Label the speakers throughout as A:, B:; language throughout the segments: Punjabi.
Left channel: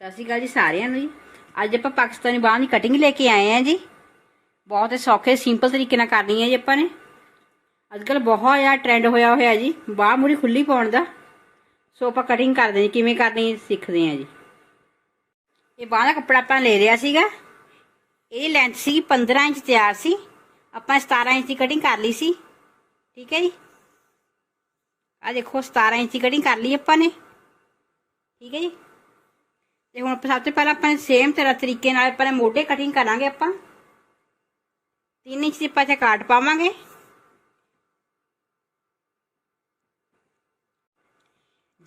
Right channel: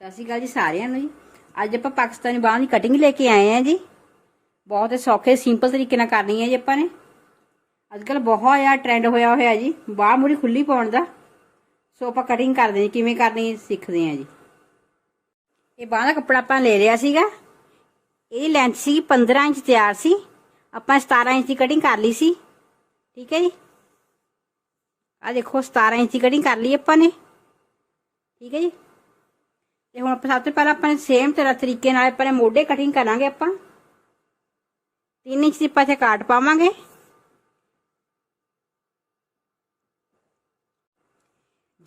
A: ਸਤਿ ਸ਼੍ਰੀ ਅਕਾਲ ਜੀ ਸਾਰਿਆਂ ਨੂੰ ਜੀ। ਅੱਜ ਆਪਾਂ ਪਾਕਿਸਤਾਨੀ ਬਾਂਹ ਦੀ ਕਟਿੰਗ ਲੈ ਕੇ ਆਏ ਆ ਜੀ। ਬਹੁਤ ਹੀ ਸੌਖੇ ਸਿੰਪਲ ਤਰੀਕੇ ਨਾਲ ਕਰਨੀ ਹੈ ਜੀ ਆਪਾਂ ਨੇ। ਅੱਜ ਕੱਲ ਬਹੁਤ ਜ਼ਿਆਦਾ ਟ੍ਰੈਂਡ ਹੋਇਆ ਹੋਇਆ ਜੀ। ਬਾਂਹ ਮੂਰੀ ਖੁੱਲੀ ਪਾਉਣ ਦਾ। ਸੋ ਆਪਾਂ ਕਟਿੰਗ ਕਰਦੇ ਹਾਂ ਕਿਵੇਂ ਕਰਨੀ ਸਿੱਖਦੇ ਹਾਂ ਜੀ। ਇਹ ਬਾਂਹ ਦਾ ਕੱਪੜਾ ਆਪਾਂ ਲੈ ਲਿਆ ਸੀਗਾ। ਇਹਦੀ ਲੈਂਥ ਸੀ 15 ਇੰਚ ਤਿਆਰ ਸੀ। ਆਪਾਂ 17 ਇੰਚ ਦੀ ਕਟਿੰਗ ਕਰ ਲਈ ਸੀ। ਠੀਕ ਹੈ ਜੀ। ਆ ਦੇਖੋ 17 ਇੰਚ ਦੀ ਕਟਿੰਗ ਕਰ ਲਈ ਆਪਾਂ ਨੇ। ਠੀਕ ਹੈ ਜੀ। ਤੇ ਹੁਣ ਆਪਾਂ ਸਭ ਤੋਂ ਪਹਿਲਾਂ ਆਪਾਂ ਸੇਮ ਤਰ੍ਹਾਂ ਤਰੀਕੇ ਨਾਲ ਆਪਾਂ ਮੋਢੇ ਕਟਿੰਗ ਕਰਾਂਗੇ ਆਪਾਂ। 3 ਇੰਚ ਦੀ ਪਾਸੇ ਕਾਟ ਪਾਵਾਂਗੇ।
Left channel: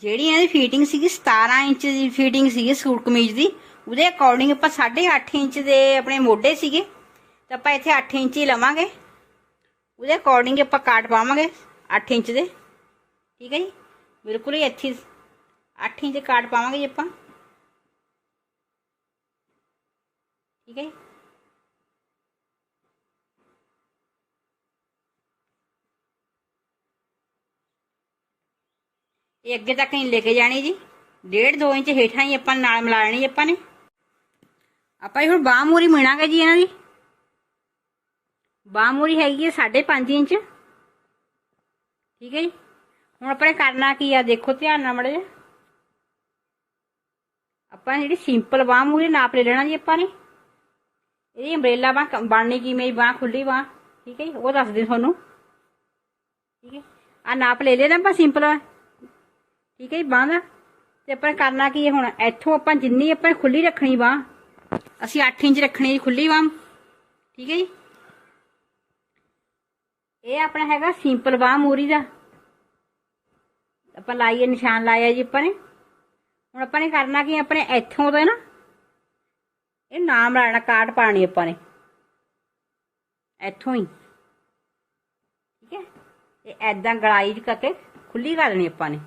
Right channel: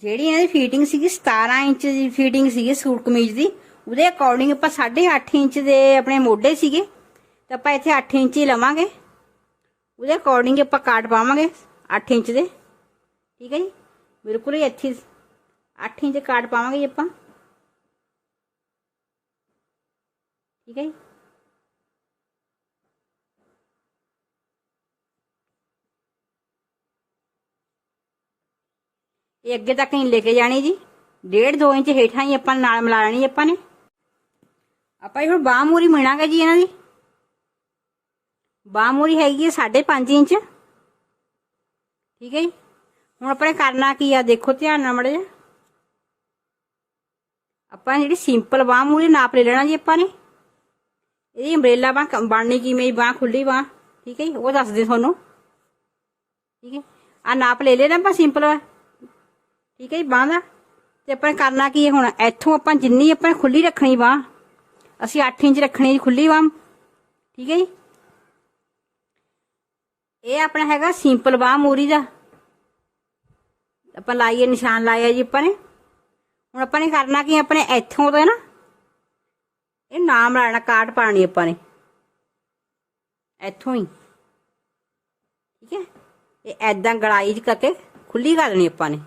A: ਜਿਹੜੀ ਇਹਦੀ ਫਿਟਿੰਗ ਸੀਗੀ 17 ਇੰਚ ਦੀ ਫਿਟਿੰਗ ਸੀਗੀ ਸੂਟ ਕਮੀਜ਼ ਦੀ, ਉਹਦੇ ਅਕੋਰਡਿੰਗ ਆਪਾਂ 8.5 ਇੰਚ ਦੇ ਆਪਣੇ ਮੋਢੇ ਸੀਗੇ, ਤਾਂ ਆਪਾਂ ਇੱਥੇ 8 ਇੰਚ ਹੀ ਲਵਾਂਗੇ। ਉਹਦੇ ਅਕੋਰਡਿੰਗ ਆਪਾਂ ਕਾਟ ਪਾਵਾਂਗੇ 8 ਇੰਚ ਦੇ। ਠੀਕ ਹੈ ਜੀ? ਬਿਲਕੁਲ ਹੀ ਇੱਥੇ 8 ਇੰਚ ਦੇ ਕਾਟ ਪਾਵਾਂਗੇ ਜੀ ਆਪਾਂ। ਠੀਕ ਹੈ ਜੀ ਇਹ ਅੱਗੇ ਤੱਕ ਨਹੀਂ ਲੈ ਕੇ ਜਾਣੀ ਜੀ। ਡੇਢ 2 ਇੰਚ ਹੇਠਾਂ ਹੀ ਆਪਾਂ ਨਾਲ ਮਿਲਾ ਲੈਣੀ ਆਪਾਂ ਨੇ। ਆਪਾਂ ਇਹ ਹੁਣ ਬਾਹ ਮੂਰੀ ਮਿਣਾਂਗੇ ਜੀ ਇਹਨਾਂ ਦੀ। ਬਾਹ ਮੂਰੀ ਹੈਗੀ ਹੈ 5.5 ਇੰਚ। ਠੀਕ ਹੈ ਜੀ। ਹੁਣ ਆਪਾਂ ਨੇ ਕਰਨਾ ਕੀ ਆ, ਦੇਖੋ ਧਿਆਨ ਨਾਲ ਮੜੇ ਆਪਾਂ ਜਿਹੜੀ ਸਿੰਪਲ ਬਾਹ ਮੂਰੀ ਨਾਪ ਲੈ ਲੈਣਾ ਜੀ ਆਪਾਂ ਨੇ। ਇਹਦੀ ਅੰਬ੍ਰੇਲਾ ਬਾਹ ਬਣਨੀ ਕਿਵੇਂ ਬਾਹ ਖੁੱਲੀ ਬਾਹ? ਠੀਕ ਹੈ ਜੀ, ਉਹ ਦੱਸਦੇ ਤੁਹਾਨੂੰ। ਠੀਕ ਹੈ ਆ ਨਾਪ ਲੈ ਲੈਣਾ ਆਪਾਂ ਸਿੰਪਲ ਠੀਕ ਹੈ ਜੀ, ਬਾਹ ਦਾ। ਤੇ ਆਪਾਂ ਕਰਨਾ ਕੀ ਹੁਣ, ਇੱਥੋਂ ਆਪਾਂ ਜਿੰਨੀ ਆਪਾਂ ਖੁੱਲੀ ਰੱਖਣੀ ਬਾਹ, ਅਸੀਂ 8 ਇੰਚ ਰੱਖਣੀ ਜੀ ਖੁੱਲੀ ਬਾਹ। ਠੀਕ ਹੈ ਜੀ। ਇਹ ਆਪਣਾ ਹੈਗਾ ਸਿੰਪਲ ਬਾਹ ਮੂਰੀ ਦਾ। ਆਪਾਂ ਲਾਈਏ, ਨਿਸ਼ਾਨ ਲਾਇਆ ਜੀ ਆਪਾਂ ਨੇ। ਹੁਣ ਆਪਾਂ ਨੇ ਕਰਨਾ ਕੀ ਆਪਣੇ ਇੱਥੋਂ ਤੋਂ ਨਾ ਇਹ ਨਾਮ ਲਾਣਾ ਕਾਟ ਪਾਣੀ ਆਪਾਂ ਨੇ। ਇੱਥੋਂ ਹੀ। ਠੀਕ ਹੈ? ਇਹ ਐਦਾਂ ਗੜਾਈ ਚ ਕਰਕੇ ਖੁੱਲੀ ਕਰ ਦੇਣੀ ਆਪਾਂ ਨੇ।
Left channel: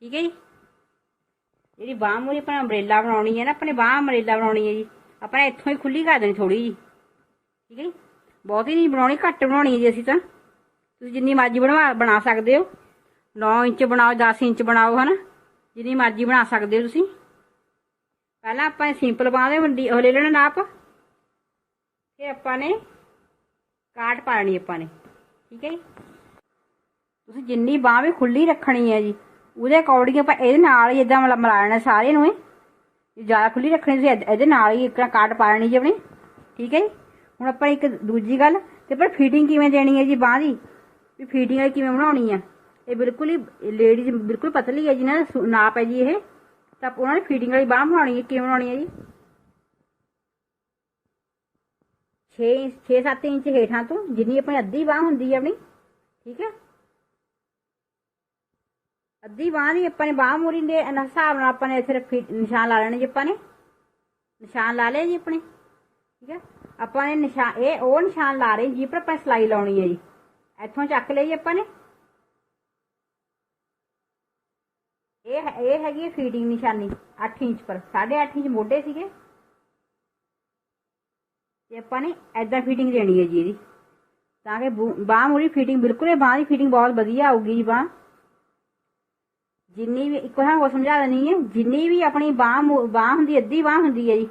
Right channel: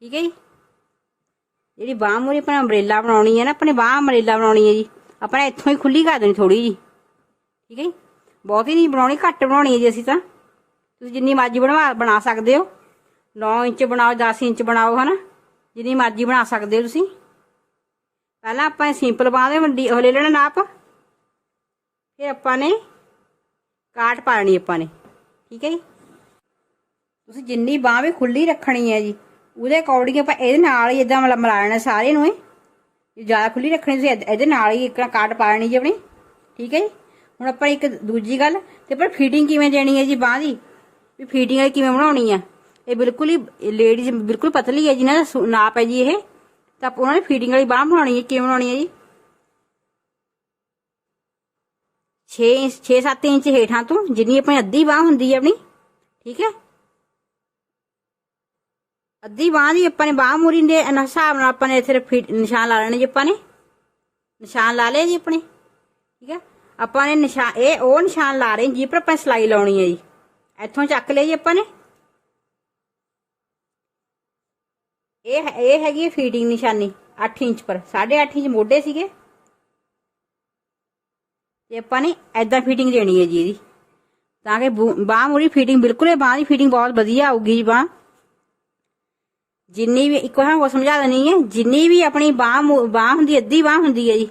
A: ਠੀਕ ਹੈ ਜੀ? ਜਿਹੜੀ ਬਾਹ ਮੂਰੀ ਆਪਾਂ ਅੰਬ੍ਰੇਲਾ ਬਣਾਉਣੀ ਹੈ ਨਾ, ਆਪਣੇ ਬਾਹ ਅੰਬ੍ਰੇਲਾ ਬਣਾਉਣੀ ਹੈ ਜੀ। ਆਪਾਂ ਇੱਥੋਂ ਹੀ ਖੁੱਲੀ ਕਰ ਦੇਣੀ ਥੋੜੀ ਜੀ। ਠੀਕ ਹੈ ਜੀ? ਬਹੁਤੀ ਨਹੀਂ ਬਣਾਉਣੀ, ਘੱਟ ਬਣਾਉਣੀ ਹੈ ਜੀ ਅਸੀਂ ਤਾਂ। ਤੁਸੀਂ ਜਿੰਨੀ ਮਰਜ਼ੀ ਬਣਵਾ, ਬਣਾ ਸਕਦੇ ਹੋ। 9 ਇੰਚ ਬਣਾਓ 10 ਇੰਚ ਬਣਾਓ, ਹਨਾ? ਜਿੰਨੀ ਮਰਜ਼ੀ ਬਣਾ ਸਕਦੇ ਹੋ ਤੁਸੀਂ। ਪਹਿਲਾਂ ਆਪਾਂ ਸਿੰਪਲ ਬਾਹ ਦੇ ਵੱਡੀ ਉਹ ਲੈ ਲੈਣਾ ਨਾਪ। ਫਿਰ ਆਪਾਂ ਨੇ ਕਾਟ ਪਾਣੀ ਆਪਾਂ ਨੇ, ਠੀਕ ਹੈ ਜੀ? ਤੁਸੀਂ ਜਿੰਨੀ ਬਾਹ ਵੀ ਖੁੱਲੀ ਰੱਖਣੀ ਹੈ ਜੀ, ਉਹਦੇ ਅਕੋਰਡਿੰਗ ਆਪਾਂ ਇਹਦੇ ਨਾਲ ਹੀ ਇਦਾਂ ਮਿਲਾ ਲੈਣਾ ਸਾਰੇ ਨੂੰ ਇਹ ਜ਼ਿਆਦਾ ਖੁੱਲੀ ਰੱਖਣੀ ਤੁਸੀਂ ਇਹਦੇ ਨਾਲ ਹੀ ਇੱਕ ਕਾਟ ਪਾ ਲੈਣੀ ਜੀ ਆਪਣੀ, ਠੀਕ ਹੈ ਜੀ? ਹੁਣ ਆਪਾਂ ਇੱਕ ਦੂਜੀ ਗੱਲ, ਤੇ ਪਰ ਫਿਟਿੰਗ ਕਿਵੇਂ ਦੇਣੀ ਹੈ ਜੀ ਬਾਹ ਦੀ? ਵੀ ਫਿਟਿੰਗ ਕਿਵੇਂ ਬਣਾਉਣੀ ਆ? ਇਹ ਬਿਲਕੁਲ ਹੀ ਲੇਡੀਜ਼ ਬਿਲਕੁਲ ਪਤਲੀ ਹੈ ਜਿਹਨਾਂ ਦਾ ਨਾਪ ਹੈ ਜੀ ਇਹ। ਤਾਂ ਆਪਾਂ ਉਹਨਾਂ ਨੇ ਫੀਡਿੰਗ ਵਾਲੀ ਬਾਹ ਬਣਾਉਣੀ ਹੈ, ਕਿਵੇਂ ਬਣਾਉਣੀ ਹੈ ਜੀ? 6 6-7 ਇੰਚ ਹੇਠਾਂ ਤੋਂ ਜਿੰਨੀ ਆਪਣੀ ਅੱਧੀ ਬਾਹ ਹੁੰਦੀ ਹੈ ਆਪਣੀ, ਠੀਕ ਹੈ? ਅੱਧੀ ਬਾਹ ਦੀ ਆਪਾਂ ਨੇ ਬਾਹ ਮੂਰੀ ਦੇ ਹਿਸਾਬ ਨਾਲ ਆਪਾਂ ਨੇ ਇੱਥੇ ਨਿਸ਼ਾਨ ਲਾ ਲੈਣੇ ਜੀ ਆਪਾਂ ਨੇ। ਨਿਸ਼ਾਨ ਲਾ ਲਏ ਜੀ ਆਪਣੇ, ਠੀਕ ਹੈ? ਆਪਾਂ ਨੇ ਨਿਸ਼ਾਨ ਇਹ ਉਹ ਨਿਸ਼ਾਨ ਲਾ ਰਹੇ ਜੀ, ਪਰ ਆਪਾਂ ਸਲਾਈ ਲਾਉਣੀ ਹੈ ਜੀ। ਇੱਥੋਂ ਚੱਕ ਲਿਆ ਜੀ ਆਪਾਂ ਨੇ। ਇਹ ਇਹ ਹੈਗੀ ਹੈ ਫੀਡਿੰਗ ਨਿਸ਼ਾਨੀ 8 ਇੰਚ ਪਰ। 8.5 ਇੰਚ ਮੋਢੇ ਸੀਗੇ। ਤੇ ਆਪਾਂ ਨੇ ਐਦਾਂ ਫਿਟਿੰਗ ਦੇਣੀ ਹੈ ਜੀ ਇਹਦੀ। ਤਾਂ ਕਿ ਬਾਹ ਮੂਰੀ ਫਿਟਿੰਗ ਬਿਲਕੁਲ ਇਹ ਬਾਹ ਦੀ ਫਿਟਿੰਗ ਬਹੁਤ ਵਧੀਆ ਆਊਗੀ ਜੀ ਬਾਹ। ਜਿੰਨੀ ਵੀ, ਇੱਕ ਵਾਰ ਉਹ ਸਮਝਾ ਦੇਣੀ ਹੈ, ਜਿੰਨੀ ਵੀ ਆਪਣੀ ਬਾਹ ਬਾਹ ਹੁੰਦੀ, ਅੱਧੀ ਬਾਹ ਹੁੰਦੀ ਹੈ ਜੀ,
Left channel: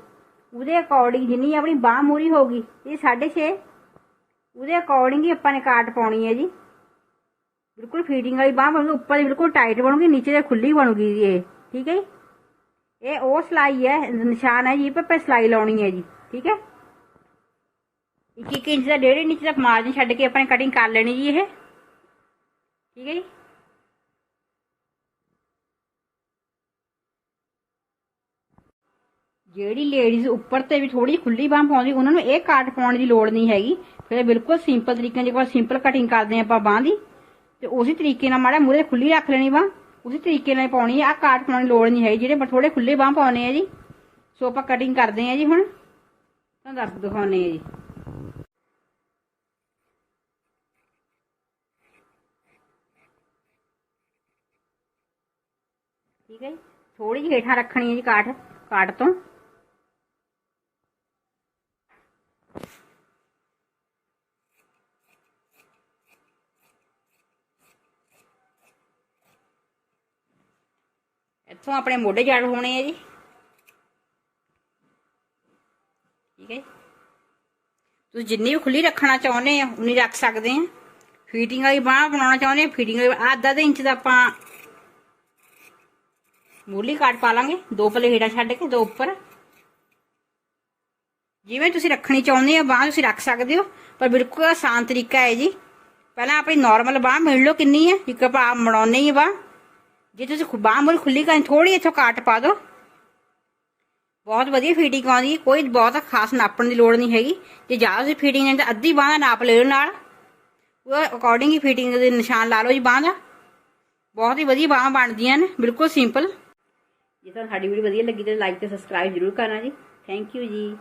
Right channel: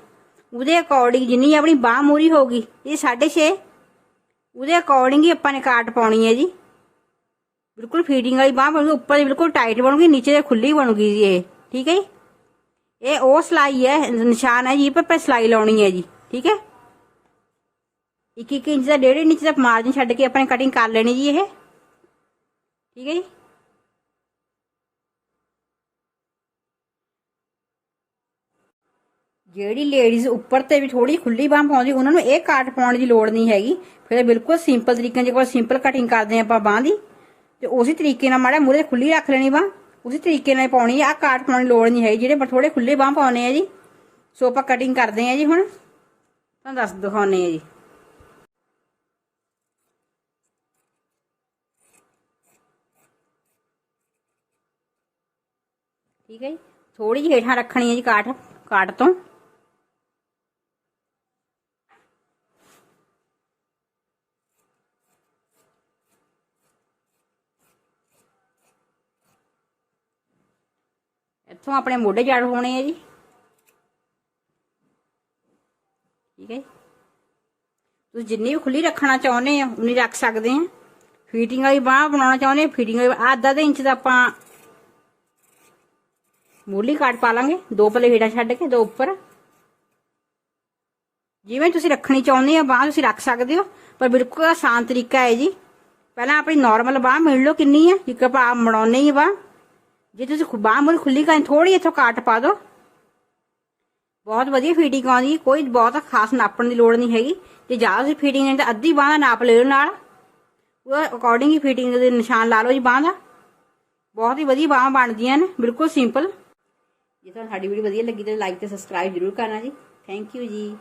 A: ਉਹਦੇ ਅਕੋਰਡਿੰਗ ਜਿੰਨੀ ਆਪਣੀ ਬਾਹ ਮੂਰੀ ਹੋਗੀ ਇਹ 6.5 ਉਹਦੇ ਅਕੋਰਡਿੰਗ ਹੀ ਆਪਾਂ ਨੇ ਕਾਟ ਪਾਉਣੀ ਹੈ ਜੀ। ਬਿਲਕੁਲ ਫੀਡਿੰਗ ਵਾਲੀ ਬਾਹ ਬਣੂਗੀ ਉੱਪਰ ਦੀ ਬਿਲਕੁਲ ਟਾਈਟ ਬਣੂਗੀ ਨੀਚੇ ਤੇ ਖੁੱਲੀ ਬਣੂਗੀ ਜੀ ਇਹ ਠੀਕ ਹੈ ਜੀ ਇਹ ਉਹ ਸਲਾਈ ਹੈ ਨਿਸ਼ਾਨ ਹੈ ਜੀ ਪਰ ਸਲਾਈ ਲਾਉਣੀ ਹੈ ਜੀ ਠੀਕ ਹੈ ਇੱਕ ਇੱਕ ਇੰਚ ਦਾ ਡੇਢ ਇੰਚ ਦਾ ਮਾਰਜਨ ਛੱਡ ਕੇ ਆਪਾਂ ਕਟਿੰਗ ਕਰ ਲੈਣੀ ਜੀ ਇਹ ਠੀਕ ਹੈ ਜੀ ਜਿਹੜੀ ਲੇਡੀਜ਼ ਉੱਪਰ ਤੇ ਵੀ ਥੋੜੀ ਖੁੱਲੀ ਬਾਹ ਪਾਉਂਦੀ ਉਹਨਾਂ ਨੂੰ ਇਹ ਕਾਟ ਪਾਉਣ ਦੀ ਲੋੜ ਨਹੀਂ ਹੈਗੀ ਫਿਰ ਬਿਲਕੁਲ ਸਿੰਪਲ ਤਰੀਕੇ ਨਾਲ ਜੇ ਸਿੰਪਲ ਕਟਿੰਗ ਕਰਦੇ ਆਪਾਂ ਬਾਹ ਦੀ ਤੇ ਉਸੇ ਤਰੀਕੇ ਨਾਲ ਮਾੜਾ ਮੂਰੇ ਖੁੱਲੀ ਰੱਖ ਲੈਣੀ ਬਾਹ। ਉਸੇ ਤਰੀਕੇ ਨਾਲ ਪਾਉਣੀ ਆ ਕਾਟ ਪਾਉਣ ਦੀ ਲੋੜ ਨਹੀਂ ਹੈ ਜਿਹੜੇ ਥੋੜੇ ਖੁੱਲੇ ਬਾਹ ਪਾਉਣੇ ਆ ਜੀ। ਸੋ ਆਪਾਂ ਕਟਿੰਗ ਕਰਦੇ ਆ ਜੀ ਹੁਣ। ਤੁਹਾਨੂੰ ਦੱਸ ਦਿਖਾਉਣੇ ਆ ਜੀ। ਠੀਕ ਹੈ ਜੀ? ਥੋੜੀ ਜਿਹੀ ਹੇਠਾਂ ਰੱਖਣੀ ਹੈ ਜੀ ਕਾਟ ਕਾਟ ਤੋਂ। ਇੱਥੋਂ ਆਪਣੇ ਮੋਢੇ ਜੜ ਹੋਣੇ ਆ ਜੀ ਠੀਕ ਹੈ ਜੀ। ਤੁਸੀਂ ਜਿੰਨੀ ਵੀ ਖੁੱਲੀ ਰੱਖਣਾ ਚਾਹੁੰਦੇ ਆ ਉਨੀ ਰੱਖ ਸਕਦੇ ਆ ਫੀਟਿੰਗ ਵਾਲੀ ਬਾਹ ਬਣਾਉਣਾ ਚਾਹੁੰਦੇ ਆ ਫੀਟਿੰਗ ਵਾਲੀ ਆਹ ਅੱਧਾ ਦੇ ਇੰਚ ਦਾ ਆਪਾਂ ਮੂਲੀ ਕਾਟ ਪਾ ਲਾਂਗੇ ਦੋ ਪਲੇ ਹੇਠਾਂ ਛੱਡ ਕੇ ਦੋ ਉੱਪਰ ਜਿਵੇਂ ਤੁਸੀਂ ਰੱਖਣੀ ਚਾਹੁੰਦੇ ਆ ਬਾਹ ਤੁਸੀਂ ਰੱਖ ਸਕਦੇ ਹੋ ਪਰ ਬਿਲਕੁਲ ਆਸਾਨ ਤਰੀਕਾ ਹੈ ਜੀ ਪਹਿਲਾਂ ਆਪਣੀ ਨਾਰਮਲ ਬਾਹ ਮਿਲ ਲਓ ਕਿੰਨੀ ਹੈ ਇੱਕ ਆਪਾਂ ਬਣਾਉਣੇ ਹੀ ਬਾਹ ਜੇ ਤੁਸੀਂ ਬਾਹ ਮੁਰ ਖੁੱਲੀ ਕਰਨੀ ਥੋੜੀ ਇੱਥੋਂ ਕਾਟ ਪਾ ਦਿਓ। ਬਹੁਤ ਵਧੀਆ ਫੀਟਿੰਗ ਆਉਂਦੀ ਹੈ, ਕੋਈ ਬਹੁਤ ਖਾਸ ਨਾਪਣ ਦੀ ਲੋੜ ਨਹੀਂ ਹੈਗੀ। ਜੇ ਜ਼ਿਆਦਾ ਤੁਸੀਂ ਫੀਟਿੰਗ ਨਹੀਂ ਤਾਂ ਅੱਧੀ ਬਾਹ ਦਾ ਨਾਪ ਲੈ ਲਓ ਨਾਲ। ਉਹ ਅਕੋਰਡਿੰਗ ਹੀ ਫੀਟਿੰਗ ਦੇ ਨਿਸ਼ਾਨ ਲਾ ਲਓ ਜੀ ਬਾਹ ਦਾ। ਬਹੁਤ ਹੀ ਵਧੀਆ ਬਾਹਾਂ ਬਣਦੀਆਂ ਨੇ, ਬਿਲਕੁਲ ਸਿੰਪਲ ਜੇ ਤੁਹਾਨੂੰ ਸਾਡੀ ਵੀਡੀਓ ਵਧੀਆ ਲੱਗੀ ਤਾਂ ਲਾਈਕ ਤੇ ਸਬਸਕ੍ਰਾਈਬ ਜ਼ਰੂਰ ਕਰਨਾ ਜੀ। ਥੈਂਕ ਯੂ ਜੀ।